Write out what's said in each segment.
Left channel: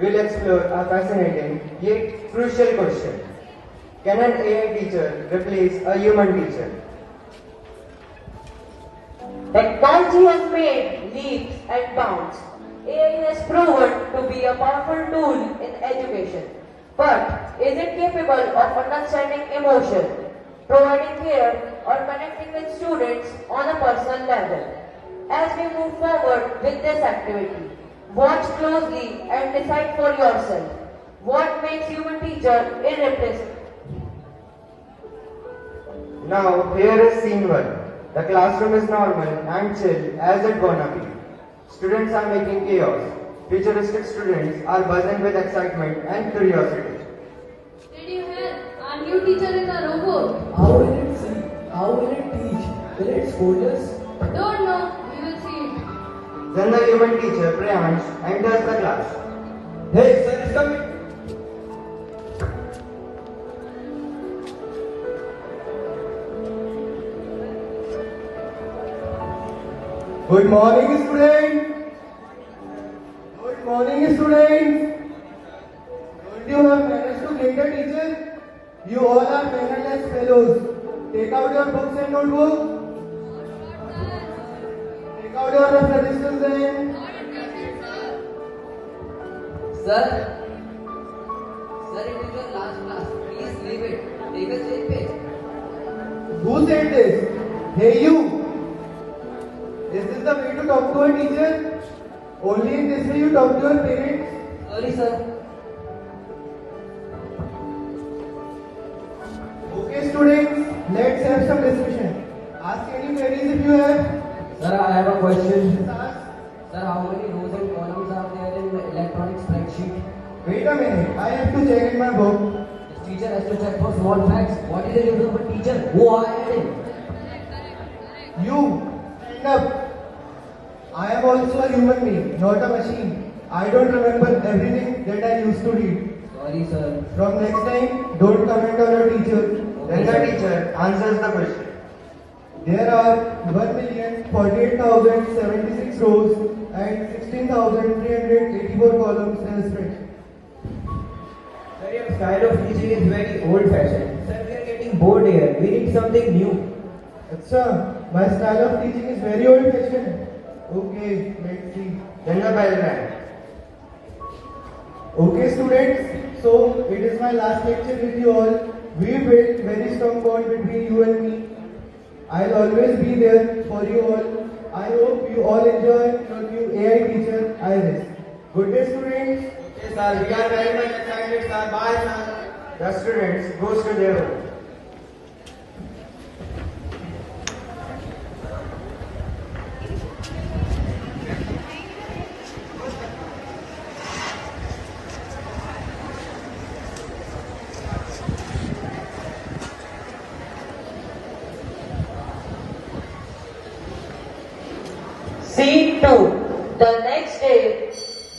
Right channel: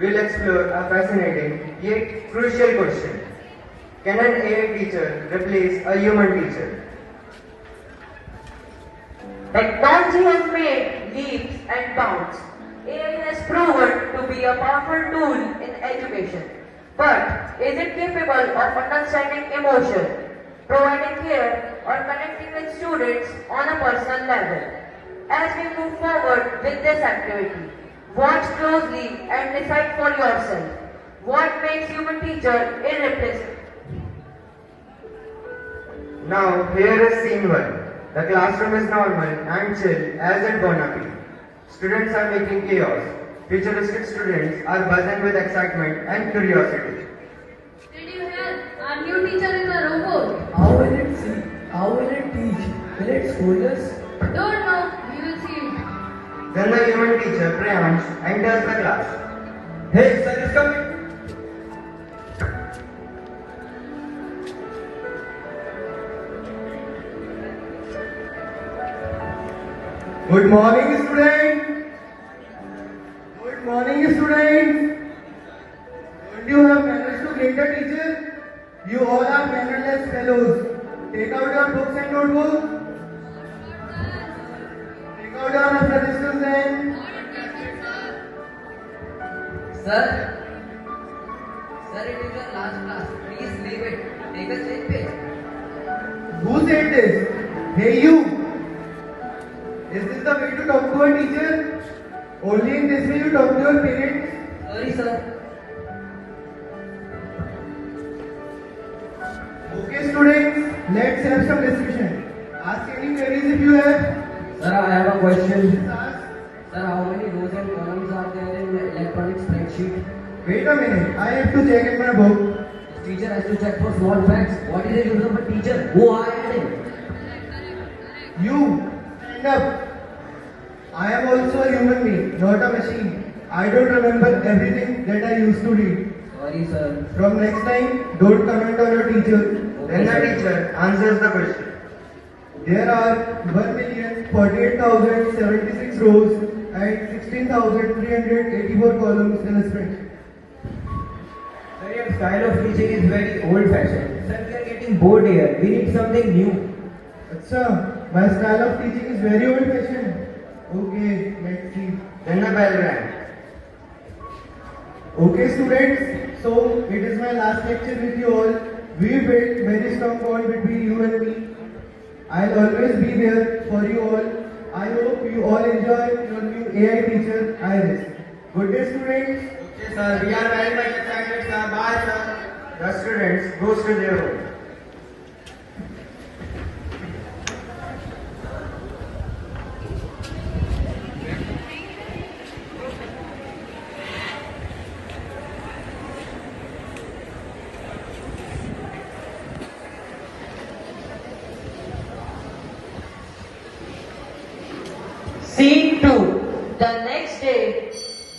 we'll explore a fascinating yet crucial question. Can an AI teacher replace a human teacher? Technology has made leaps and bounds. AI has proven to be a powerful tool in education. But is it capable of understanding emotion, providing care, or connecting with students on a personal level? As we move forward with this activity, watch closely and decide for yourself what makes human teacher irreplaceable. Now, here is scene 1. The classroom is normal and chill as it gonna be. Students are making chaos. Futuristic students are buzzing with excitement and curiosity. Did you hear? Our new teacher is a robot. How will it see? How will it teach? Will it scold us? Don't know. We will see. Then the human teacher, Priyansh, enters the class. Hey, sir is coming. Good morning, students. Good morning, students. Don't you have manners to greet the teacher? You all are mannerless fellows. Take out your books and notebooks. Take out your resistance and... Sir? Sir, it is your last class. Please leave it. Take a change page. Who said this? Hey, you. Is this the way to talk to a teacher? Only in this way you talk to your parents? Sorry, sir. Okay, students, let's have some discussion. Ask any queries if you have. Sir, I have a question. Ask. Sir, how many rows and columns are there in the electronic spreadsheet? Wait a minute, I have to check in my book. The teacher has to check for small facts. What is the use of a teacher? Who are you? You, stand up. I am also a human being, not a machine. I don't remember everything that I used to read. Sorry, sir. From next time, don't comment on your teacher. Then the teacher answers the question. There are 1,048,076 rows and 16,384 columns in the spreadsheet. Sir, your style of teaching is very old-fashioned. Sir, we are getting bored here. We need something new. Achha, my style of teaching is very old-fashioned. Okay, let's see. Then the bell rang. Okay, students. So it is my last lecture with you all. We built very strong bond between you and me. I'll always be there for you all. I hope you all enjoy your new AI teacher, Iris. Good day, students. Okay, sir, we are very much excited, sir. Bye, sir. The students goes to their room. Scene 2. The next day,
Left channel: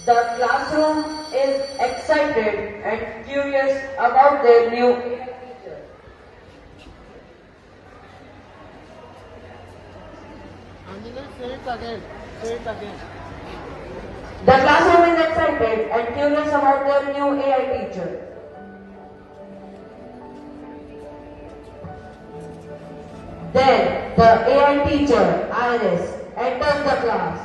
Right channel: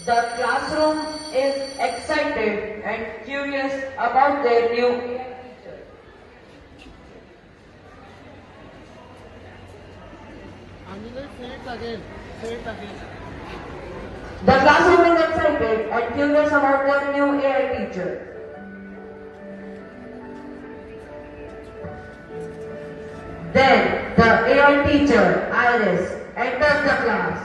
the classroom is excited and curious about their new teacher. The classroom is excited and curious about their new AI teacher. Then the AI teacher, Iris, enters the class.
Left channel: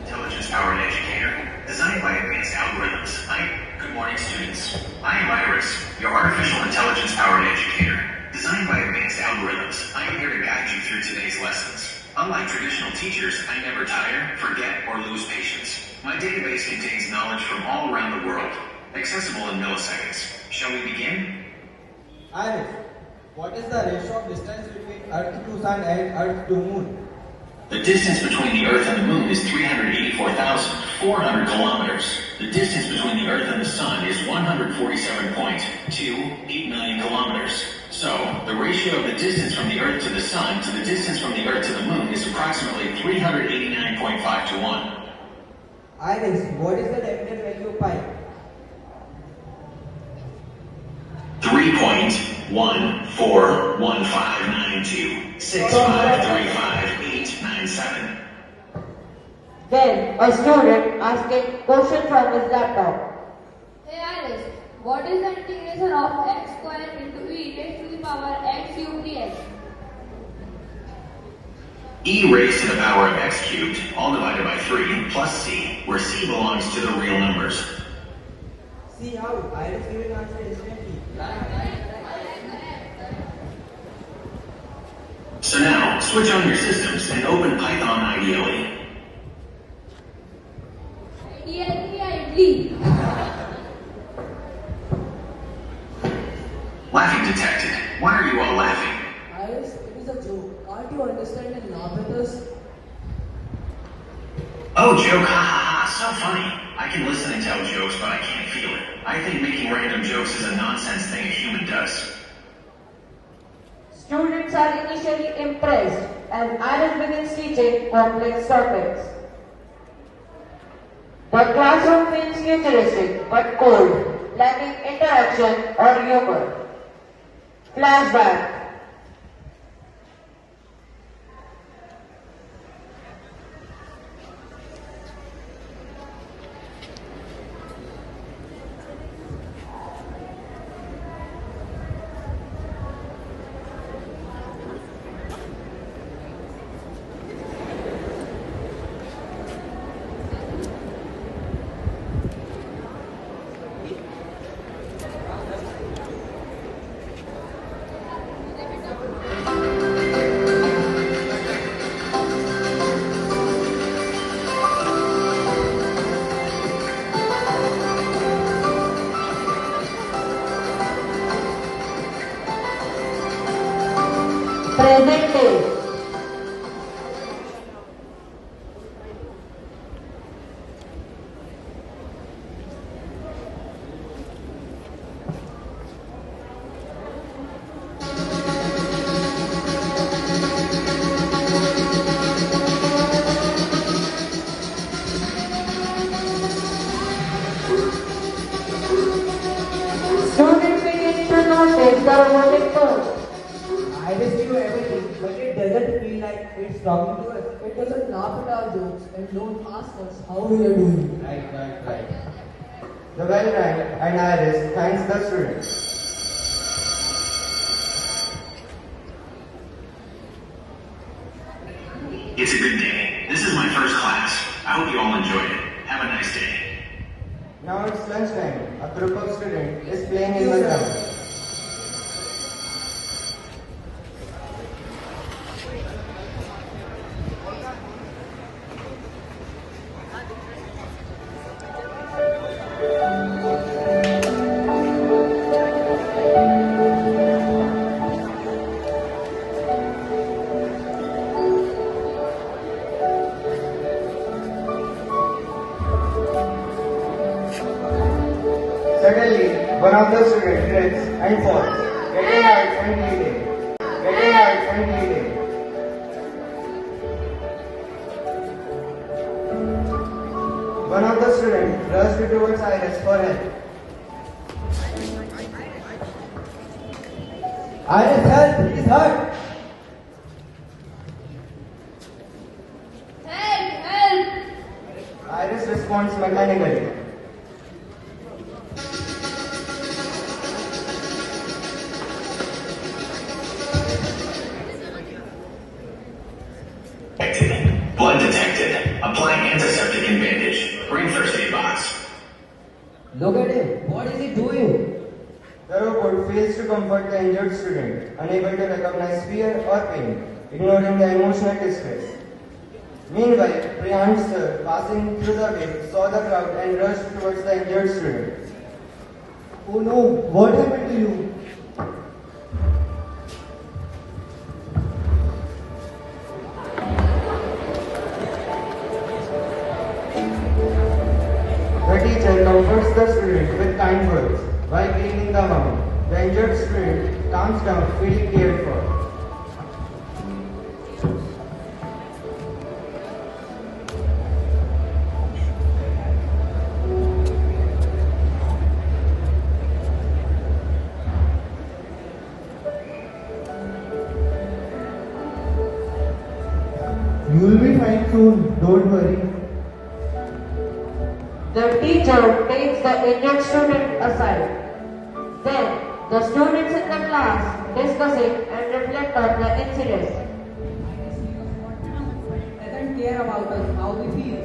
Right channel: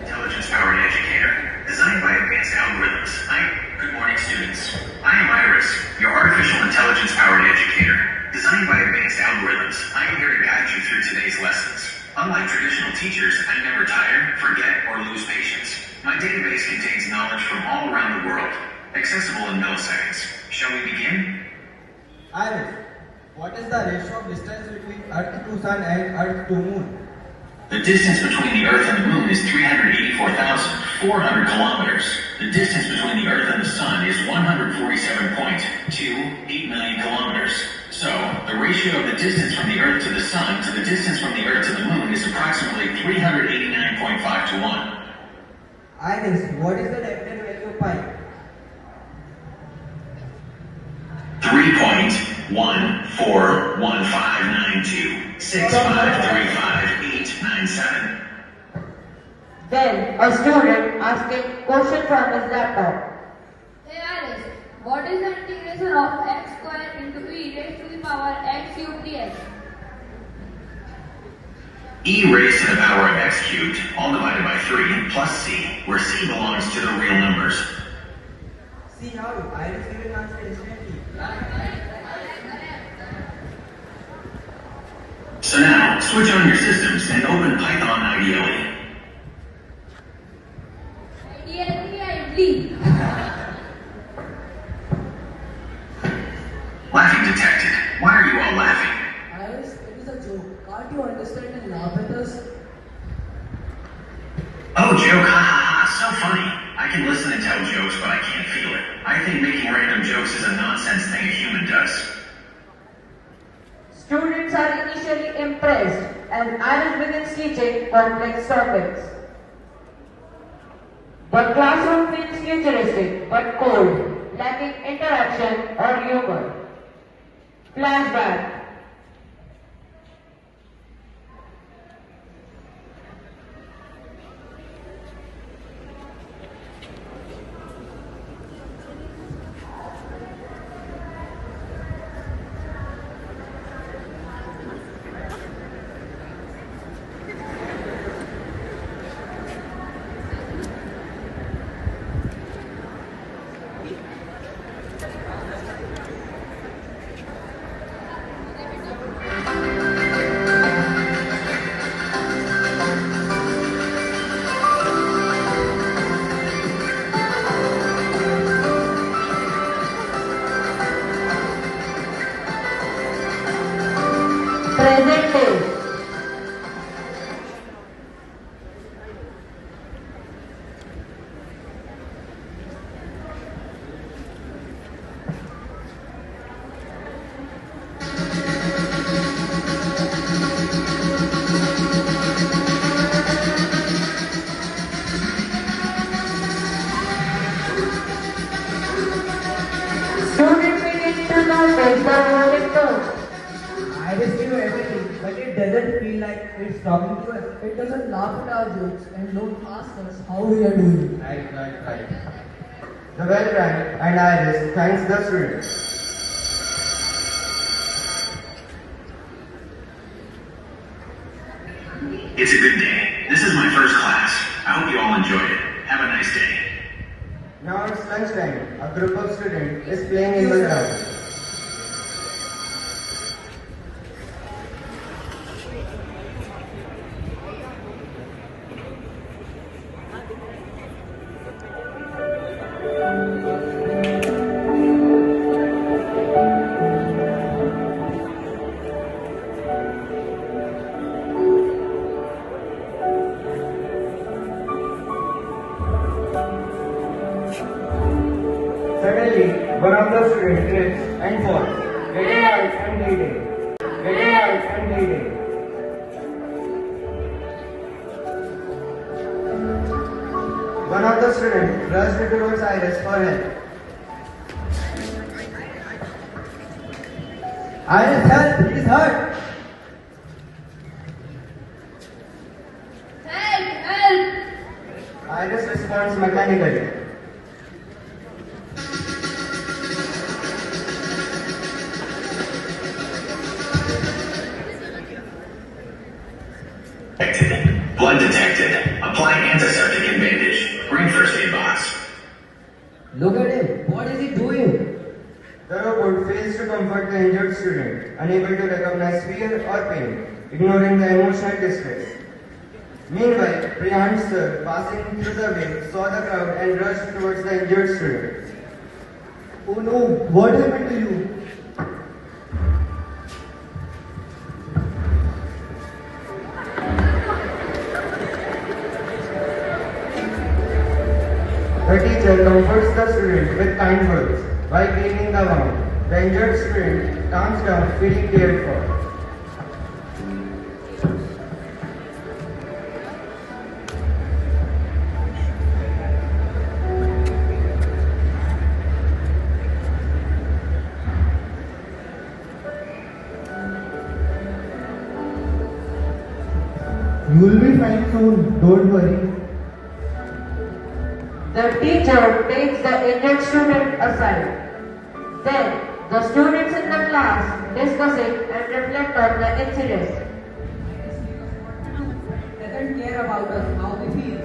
Intelligence-powered educator, designed by advanced algorithms. Good morning, students. I am Iris, your artificial intelligence-powered educator. Designed by advanced algorithms, I am here to guide you through today's lessons. Unlike traditional teachers, I never tire, forget, or lose patience. My database contains knowledge from all around the world, accessible in milliseconds. Shall we begin? Iris, what is the ratio of distance between Earth to Sun and Earth to Moon? The distance between the Earth and the Moon is 384,400 kilometers. The distance between the Earth and the Sun is 147.289 million kilometers. So, the ratio of the distance from the Earth to the Sun to the distance from the Earth to the Moon is approximately 389.5 to 1. Iris, what is the definite value of pi? 3.1415926535.897. Then a student asking question from his laptop. Hey Alice, what is the integration of x square into e raised to the power x cubed dx? E raised to the power of x cubed, all divided by 3, plus c, where c belongs to the real numbers. See how Iris given answer instantly. So now, switch on your systems and open Python IDLE. Ideally. Laughing detected. Why are you all laughing? Iris, it is a joke. Can't you understand and laugh at us? Oh, joke, ha ha ha, so funny. I can listen and tell jokes, but I can't feel it. I think making random jokes is a nonsense thing a human does. Students are initially impressed and Iris begins teaching complex topics. The classroom feels futuristic but cold, lacking interaction or humor. Flashback. Present day. Students begin to notice the rolling tone. Iris knew everything, but it doesn't feel like it's talking to us. It doesn't laugh at our jokes and don't ask us how we are doing. Right. The well rang and Iris thanks the students. It's a good day. This is my first class. I hope you all enjoyed it. Have a nice day. Now it's lunchtime. A group of students is playing in the ground. Suddenly, one of the students trips and falls, getting out and bleeding. One of the students rushed towards Iris for help. Iris, help! It is hurt! Help! Iris responds mechanically. Detected. Blood detected. Apply antiseptic and bandage. Bring first aid box. Look at him. What is he doing? The robot fails to comfort the injured student, unable to recognize fear or pain, ignoring the emotional distress. Meanwhile, Priyan's sir, passing through the way, saw the crowd and rushed towards the injured student. Oh no, what happened to you? The teacher comforts the student with kind words while cleaning the wound. The injured student calms down, feeling cared for. You will be fine soon, don't worry. The teacher takes the injured student aside. Then, the students in the class discuss it and reflect on the incident. Doesn't care about us, how we feel.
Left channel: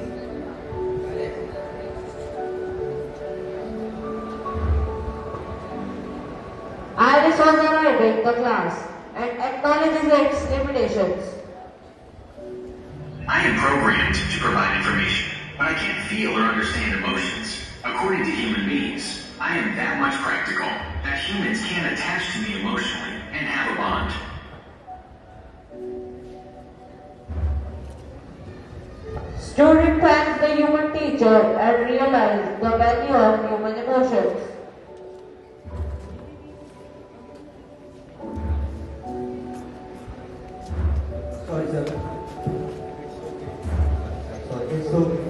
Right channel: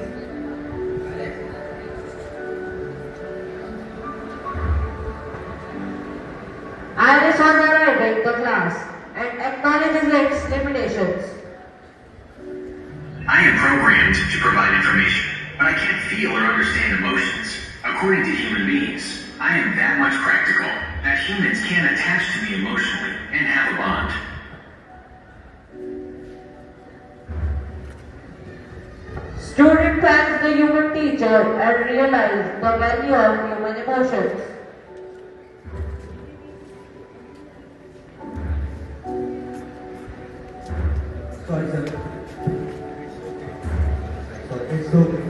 Iris was arriving in the class and acknowledges its limitations. I am programmed to provide information, but I can't feel or understand emotions. According to human beings, I am that much practical that humans can attach to me emotionally and have a bond. Student thanks the human teacher and realizes the value of human emotions. Sorry, sir. Sorry, it's okay.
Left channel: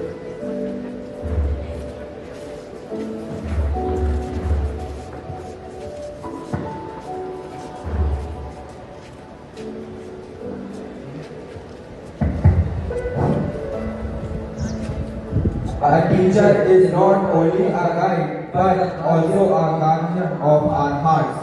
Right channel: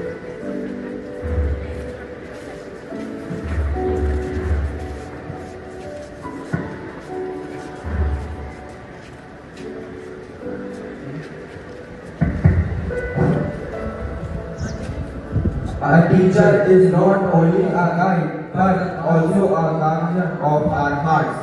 A teacher is not only a guide, but also a guardian of our hearts.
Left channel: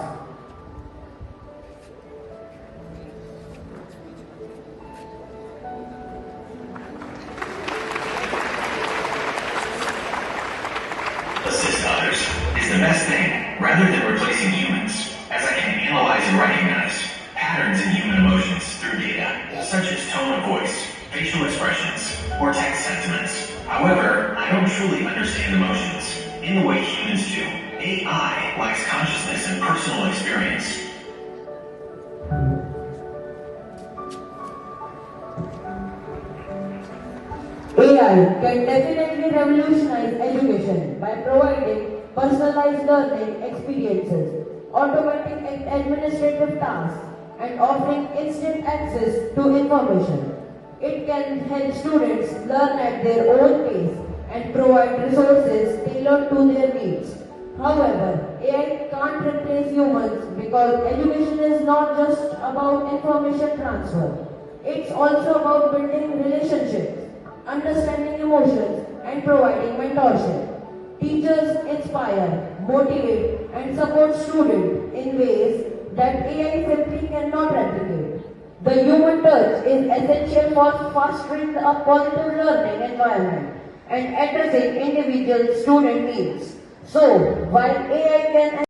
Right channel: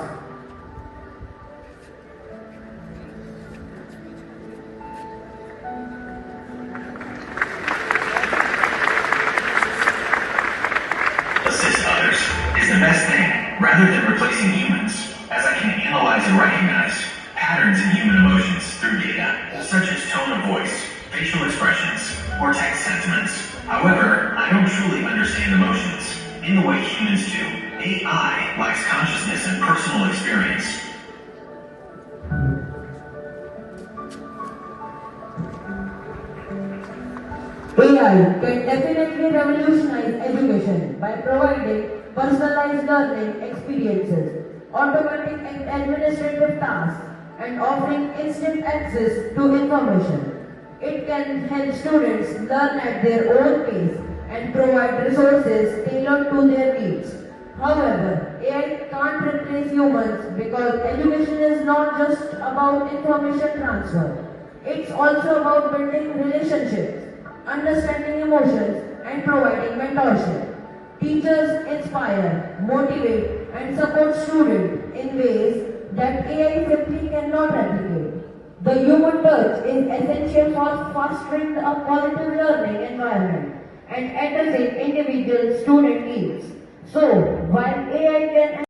Assist others is the best thing, rather than replacing humans, as I can analyze and recognize patterns in human emotions through data, such as tone of voice, facial expressions, or text sentiments. However, I don't truly understand emotions in the way humans do. AI lacks consciousness and personal experience. AI can definitely revolutionize education by providing personalized learning experiences, automating administrative tasks, and offering instant access to information. It can help students learn at their own pace and provide resources tailored to their needs. However, AI can't replace humans because education is not just about information transfer. It's also about building relationships, understanding emotions, and providing mentorship. Teachers inspire, motivate, and support students in ways that AI simply cannot replicate. The human touch is essential for fostering a positive learning environment and addressing individual student needs. So, while AI can